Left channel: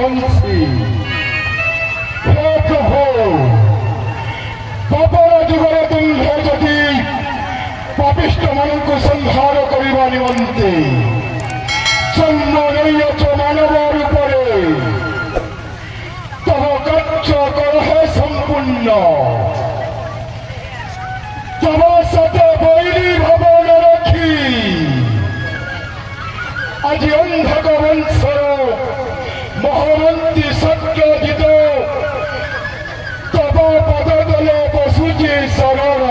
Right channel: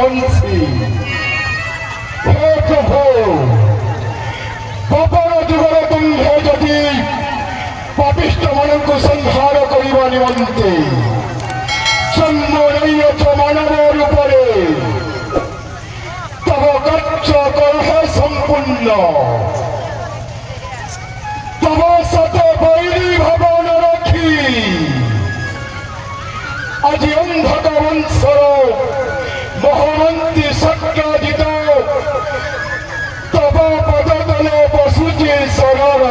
ବଂଶୀ ହେ ପ୍ରଭୁ ପବନ ଯୁଗର ତୁମ୍ଭେ ଯଦି ପାପିଷ୍ଠମାନଙ୍କୁ ସଂହାର କରିବା ନିମନ୍ତେ ଜନ୍ମ ନେଇଅଛ ମାନବ ରୂପରେ ତବ କାର୍ଯ୍ୟ କର ହେ ସମ୍ପୂର୍ଣ୍ଣ ତବ ସତେ ବୈରୀ ଭବନ ରଖି ଆଜି ଅନ୍ଧକ ବଂଶର ମହାମନ୍ତ୍ରୀ ସତ୍ୟଜିତ ତବ ପଦତଳେ ବସୁଛି ଶରଣ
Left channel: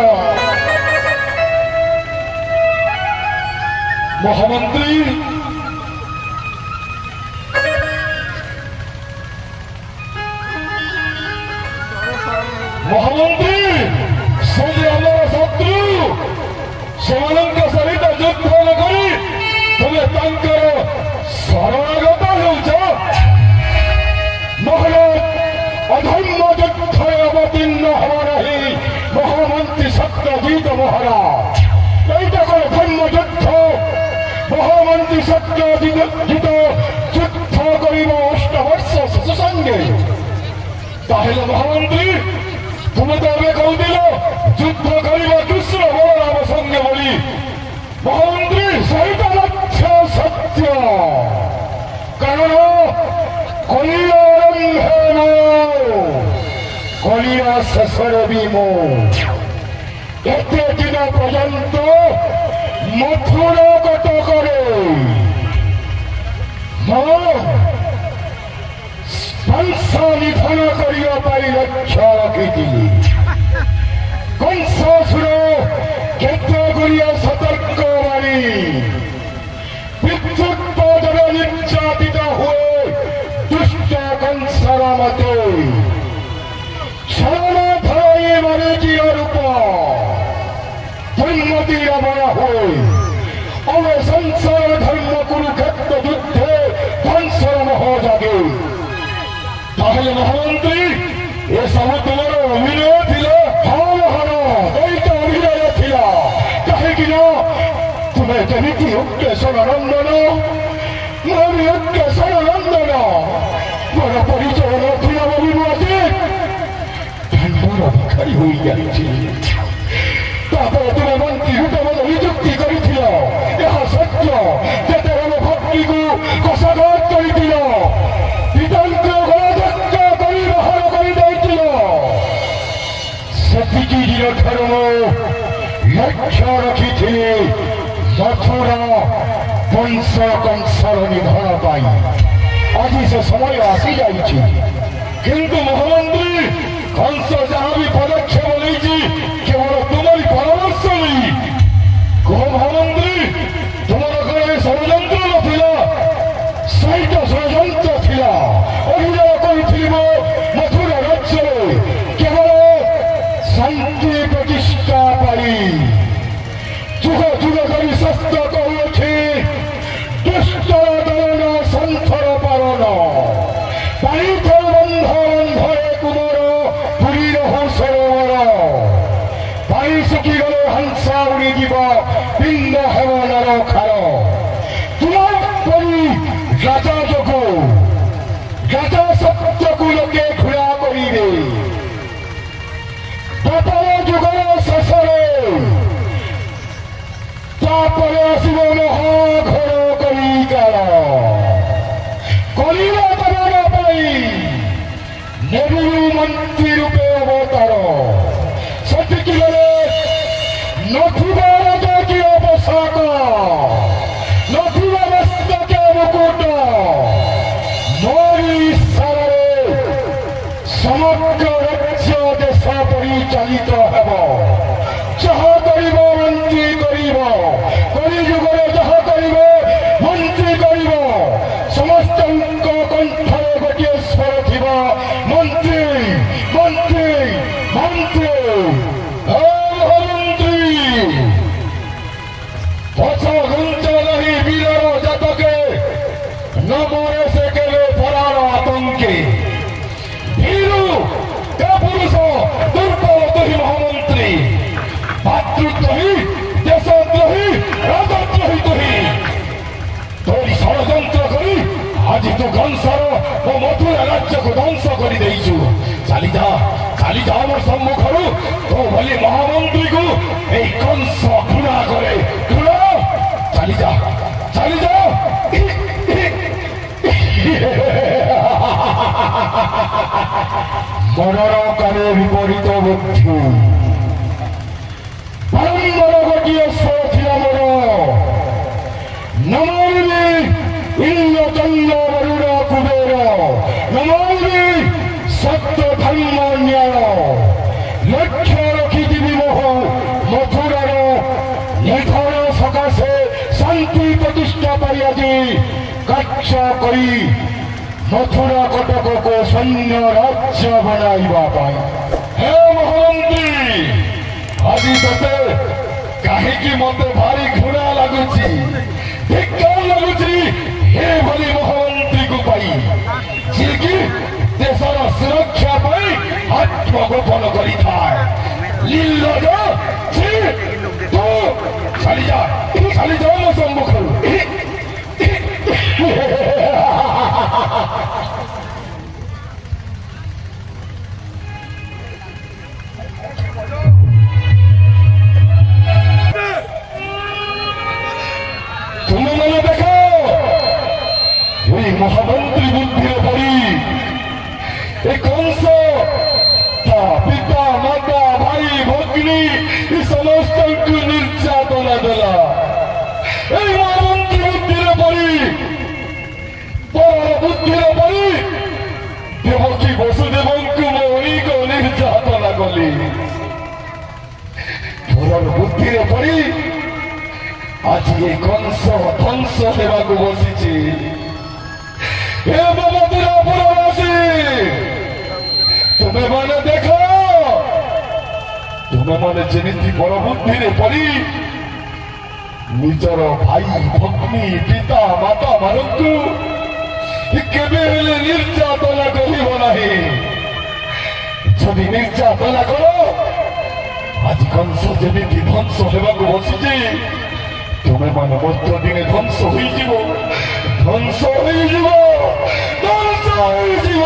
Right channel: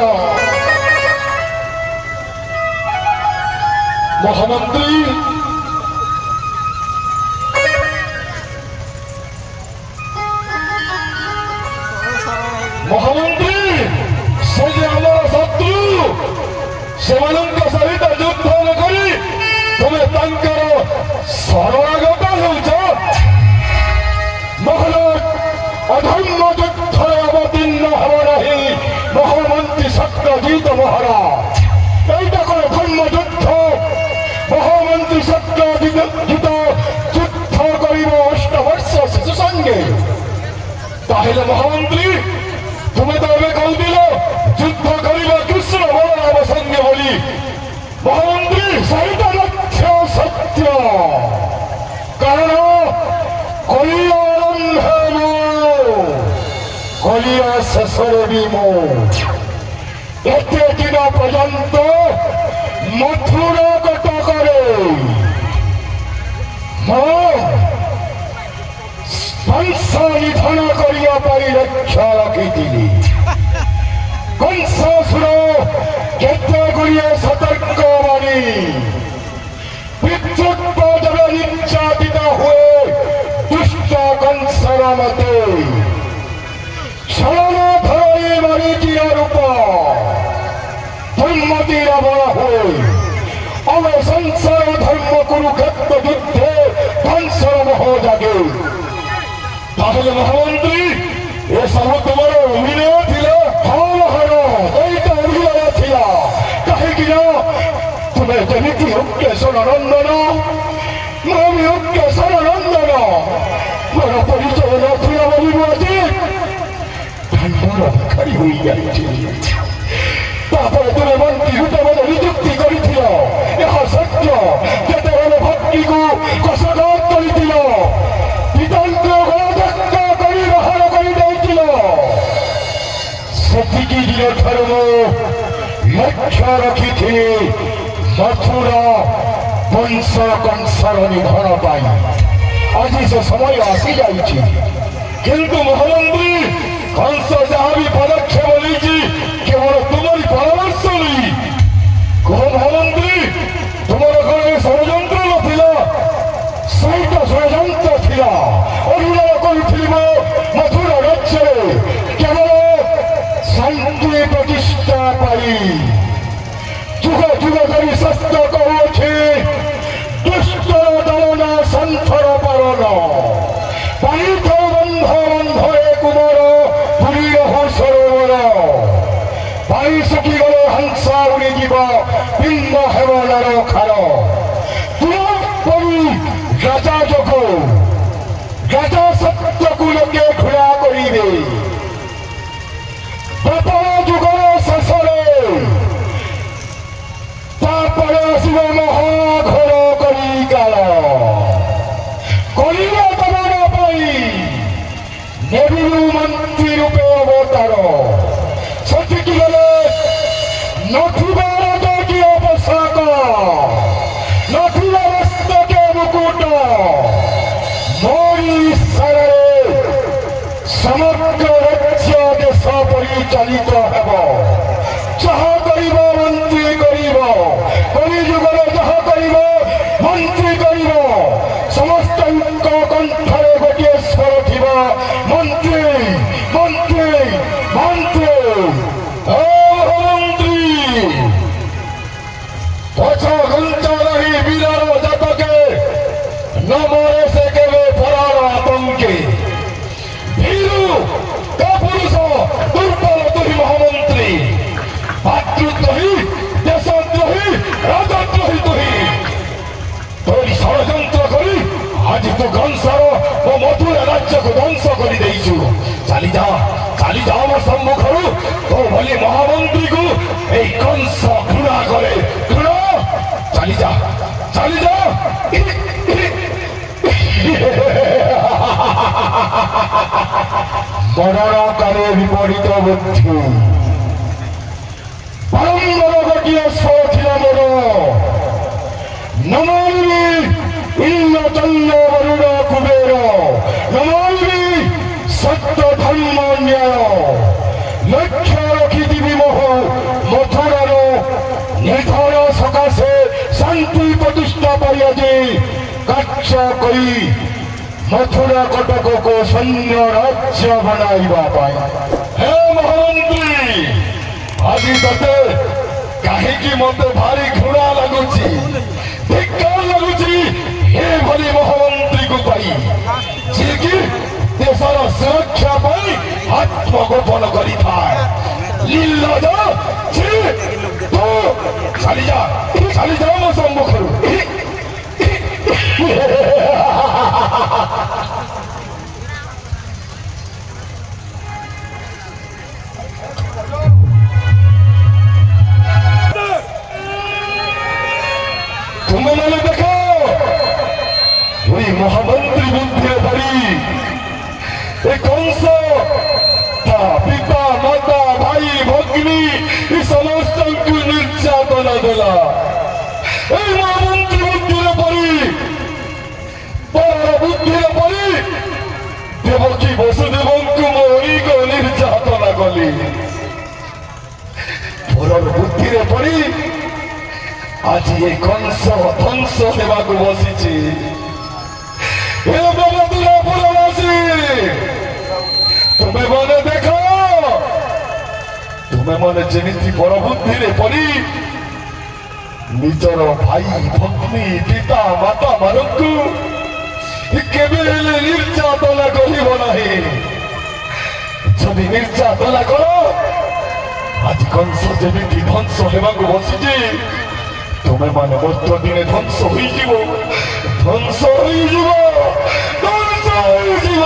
ମହାମନ୍ତ୍ରୀ ମହାମନ୍ତ୍ରୀ ସେ ଯେ ଆମର ଶତ୍ରୁ ସେମାନଙ୍କ ସହିତ ଯୁଦ୍ଧ ନ କରି ତୁମେ ତାଙ୍କର ଶରଣାଗତ ହେଉଛ ମହାରାଜ ଅଧର୍ମ ଯୁଦ୍ଧରେ ଅବତୀର୍ଣ୍ଣ ହେବ ନାହିଁ ମହାମନ୍ତ୍ରୀ ସତ୍ୟଜିତ ମହାରାଜ ଏଇଟା କଣ ଧର୍ମ ଯୁଦ୍ଧ ମହାମନ୍ତ୍ରୀ ସତ୍ୟଜିତ ଯୁଦ୍ଧ କରିବ 8 ବର୍ଷ ଶିଶୁ ସଙ୍ଗେ ତାହେଲେ ମହାମନ୍ତ୍ରୀ ତୁମେ ତ ଏବେ କହୁଥିଲ ଯୁଦ୍ଧ କରିବା କୃଷ୍ଣ ବଳରାମ ସଙ୍ଗେ ବୋଲି ମହାମନ୍ତ୍ରୀ ସେଇଟା ଲକ୍ଷ୍ୟ ସତ୍ୟ କାରଣ କଳିର ଆରମ୍ଭ କଳିର ଶେଷରେ ବି ମୁଁ ଏତେ ଦିନ ପର୍ଯ୍ୟନ୍ତ ମଥୁର କଟକରେ ବଂଶ ନିଧନ କରିବା ପାଇଁ ଲକ୍ଷ୍ୟ ରଖିଥିଲି କଂସାସୁର କେତେ ଗୁଡ଼ିଏ ସତର୍କ ମାରି ପିତୃତ୍ୱ ନିର୍ଯାତିତ ହୁଏ ଦୁଷ୍ଟ କଂସର ମତେ ଛଳନା ଧରାଇ ମାରିଯିଅ ରୂପ ଧର୍ମତୀର ବଳ ହୁଏ ଆମେ ସଂସାର ଧର୍ମ କୁରୁକ୍ଷେତ୍ର ଯୁଦ୍ଧେ ଧ୍ୱଂସର ମୋହ ଜାଗେ ତାହେଲେ ମହାମନ୍ତ୍ରୀ ଏସବୁ ତୁମର ଅଭିନୟ ଥିଲା ହଁ ମହାରାଜ ଏଇଟା ଅଭିନୟ ଥିଲା କାହିଁକି ନା ତୁମେ ଯେମିତି ଉକ୍ତେଶ୍ୱର ନନ୍ଦନ ମୁଁ ବି ଉକ୍ତେଶ୍ୱର ନନ୍ଦନ ମୋର ପରିଚୟ ନଥିଲା ବୋଲି ମୁଁ ଆଜି ଧର୍ମର ଭିଖାରୀ ହୋଇଯାଇଛି ତାପରେ ତୁମେ ମନ୍ତ୍ରୀ ରୂପେ ମୋତେ ନିଯୁକ୍ତି କରିଥିଲ ଏହା ସତ୍ୟ ଯେତେବେଳେ ଭକ୍ତିକୁ କଷାଘାତ କରିଥିଲ ପିତାଙ୍କ ଗଳାଧକ୍କ କରି ବାହାର କରିଦେଇଥିଲ ସେତିକି ଦିନଠାରୁ ଲକ୍ଷ୍ୟ ରଖିଥିଲି ମଥୁରା ବଂଶ କଂସର ନିଧନ ପାଇଁ ଆଜି ସେ ସମୟ ଆସିଯାଇଛି କିନ୍ତୁ ମହାମନ୍ତ୍ରୀ କଂସ ଯାହା ବି ପଦକ୍ଷେପ ନେଇଛି କେବଳ ତୁମରି ପରାମର୍ଶ ନେଇ କୁହ ମହାମନ୍ତ୍ରୀ ତୁମର ଘରେ ଷଡ଼ଯନ୍ତ୍ର ନଥିଲା ସେଇଟା ଷଡ଼ଯନ୍ତ୍ର ଥିଲା ଅଭିନୟ କରୁଥିଲି ମଥୁରା ରାଜ୍ୟରେ କେବଳ ଶାନ୍ତି ପ୍ରତିଷ୍ଠା ପାଇଁ ଯୁଗ ଯୁଗ କରି ସତ୍ୟ କହୁଅଛି ଦୁଷ୍ଟର ଦଳନ ସନ୍ଥର ପାଳନ ପାଣିଥର ବନ୍ଧ ବନ୍ଧରେ କୁମର ପୁରୀ ରହୁ ସରୋବର ପାଣି ଶୁଖିଗଲେ ହଂସ ଉଡ଼ିଯିବ ପିଣ୍ଡ ହେବ ନରଖାର ତୁମ ପରି ରାଜା ଯୋଗ ରାଜା ସତ୍ୟକୁ ଲୋକେ ଘୃଣା କରିବେ ଦ୍ୱାପର ଯୁଗର ଶେଷରେ ତାପରେ ଆସିବ ମହାଘୋର କଳିକାଳ କଳିର ଦମନ ପାଇଁ ନେବିରୁ ମନ୍ତ୍ରୀ ରୂପେ ଅବତାର ସେତିକି ବେଳେ ନଥିବ ରାଜକୀୟ ପୋଷାକ ନଥିବ ମସ୍ତକେ ମୁକୁଟ ମୋରି ଇଶାରାରେ ସମଗ୍ର ରାଜ୍ୟ ଦେଶ ପରିଚାଳିତ ହେବ ଯାହା କରିବ ମନ୍ତ୍ରୀ କରିବ କଳିଯୁଗରେ ଯାହା କରିବ ମନ୍ତ୍ରୀ କରିବ ସମସ୍ତଙ୍କ କଣ୍ଠରେ ଗୋଟିଏ ସ୍ୱର ଥିବ ମନ୍ତ୍ରୀ ମନ୍ତ୍ରୀ ମନ୍ତ୍ରୀ ଓ ମହାମନ୍ତ୍ରୀ মরণকালে বিপরীত বুদ্ধি বারম্বার ঘটিয়ে ছিল মর নমামি ইন্দ্রচন্দ্র বরুণ কুবের নমামি সত্য ধর্ম ন্যায় লক্ষ্য রখিদিবি মোহ মথুরার নির্ধন সকাশে শান্তি প্রতিষ্ঠা পাইয়াছি কার্য করি মথুরা কটককে সৈন্য রাজ্য বনাইবা পাই। হে মহামন্ত্রী আজি তাতে কাহিকি মতে ভারি ঘৃণা লাগুছি ধিক্কার লাগুছি হে ভଳି মহামন্ত্রীକୁ ପାଇ ଯିଏକି ଦେଶର ସୁରକ୍ଷା ପାଇଁ ଆତ୍ମଗୋପନ କରିଥାଏ। ନିର୍ଲଜ ତୁ ଚାଲିଯା ମୋ ସମ୍ମୁଖରୁ। ତୁମେ ମାନେ ଦେଖ ଏଇ ମହାମନ୍ତ୍ରୀ ବୁଦ୍ଧିରେ ପଡ଼ି ଏ କଂସ ତା ପିତା ମାତା ଭାଇ ଭଗ୍ନୀ ଏ ସମସ୍ତଙ୍କୁ ନିର୍ଯାତନା ଦେଲା। ଏଇ ମହାମନ୍ତ୍ରୀ ବୁଦ୍ଧିରେ ପଡ଼ି ପରର ବୁଦ୍ଧିରେ ପଡ଼ି ଦେବକୀ ବସୁଦେବଙ୍କୁ ମଣିକ ନିର୍ଯାତନା କଲି। ପରର ବୁଦ୍ଧିରେ ପଡ଼ି আজি এই কংস ধ্বংস হেବାକୁ বসিছি। হে বাবাতুরা পুরবাসী তুমি মনে দেখ তুমি মনে যেମିତି বড় বুদ্ধিরে পড়ি ନିଜର ଭାଇ ଭଗ୍ନୀ ପିତା ମାତା ମାନଙ୍କୁ କେବେ ହେଲେ ନିର୍ଯାତନା କରିବ ନାହିଁ। ଯଦି ନିର୍ଯାତନା କର ଆଜି କଂସ ଯେମିତି ଧ୍ୱଂସ ହେବାକୁ ବସିଛି ତୁମେ ମାନେ ମଧ୍ୟ ଦିନେ ଧ୍ୱଂସ ହୋଇଯିବ ଧ୍ୱଂସ ହୋଇଯିବ ଧ୍ୱଂସ ହୋଇଯିବ।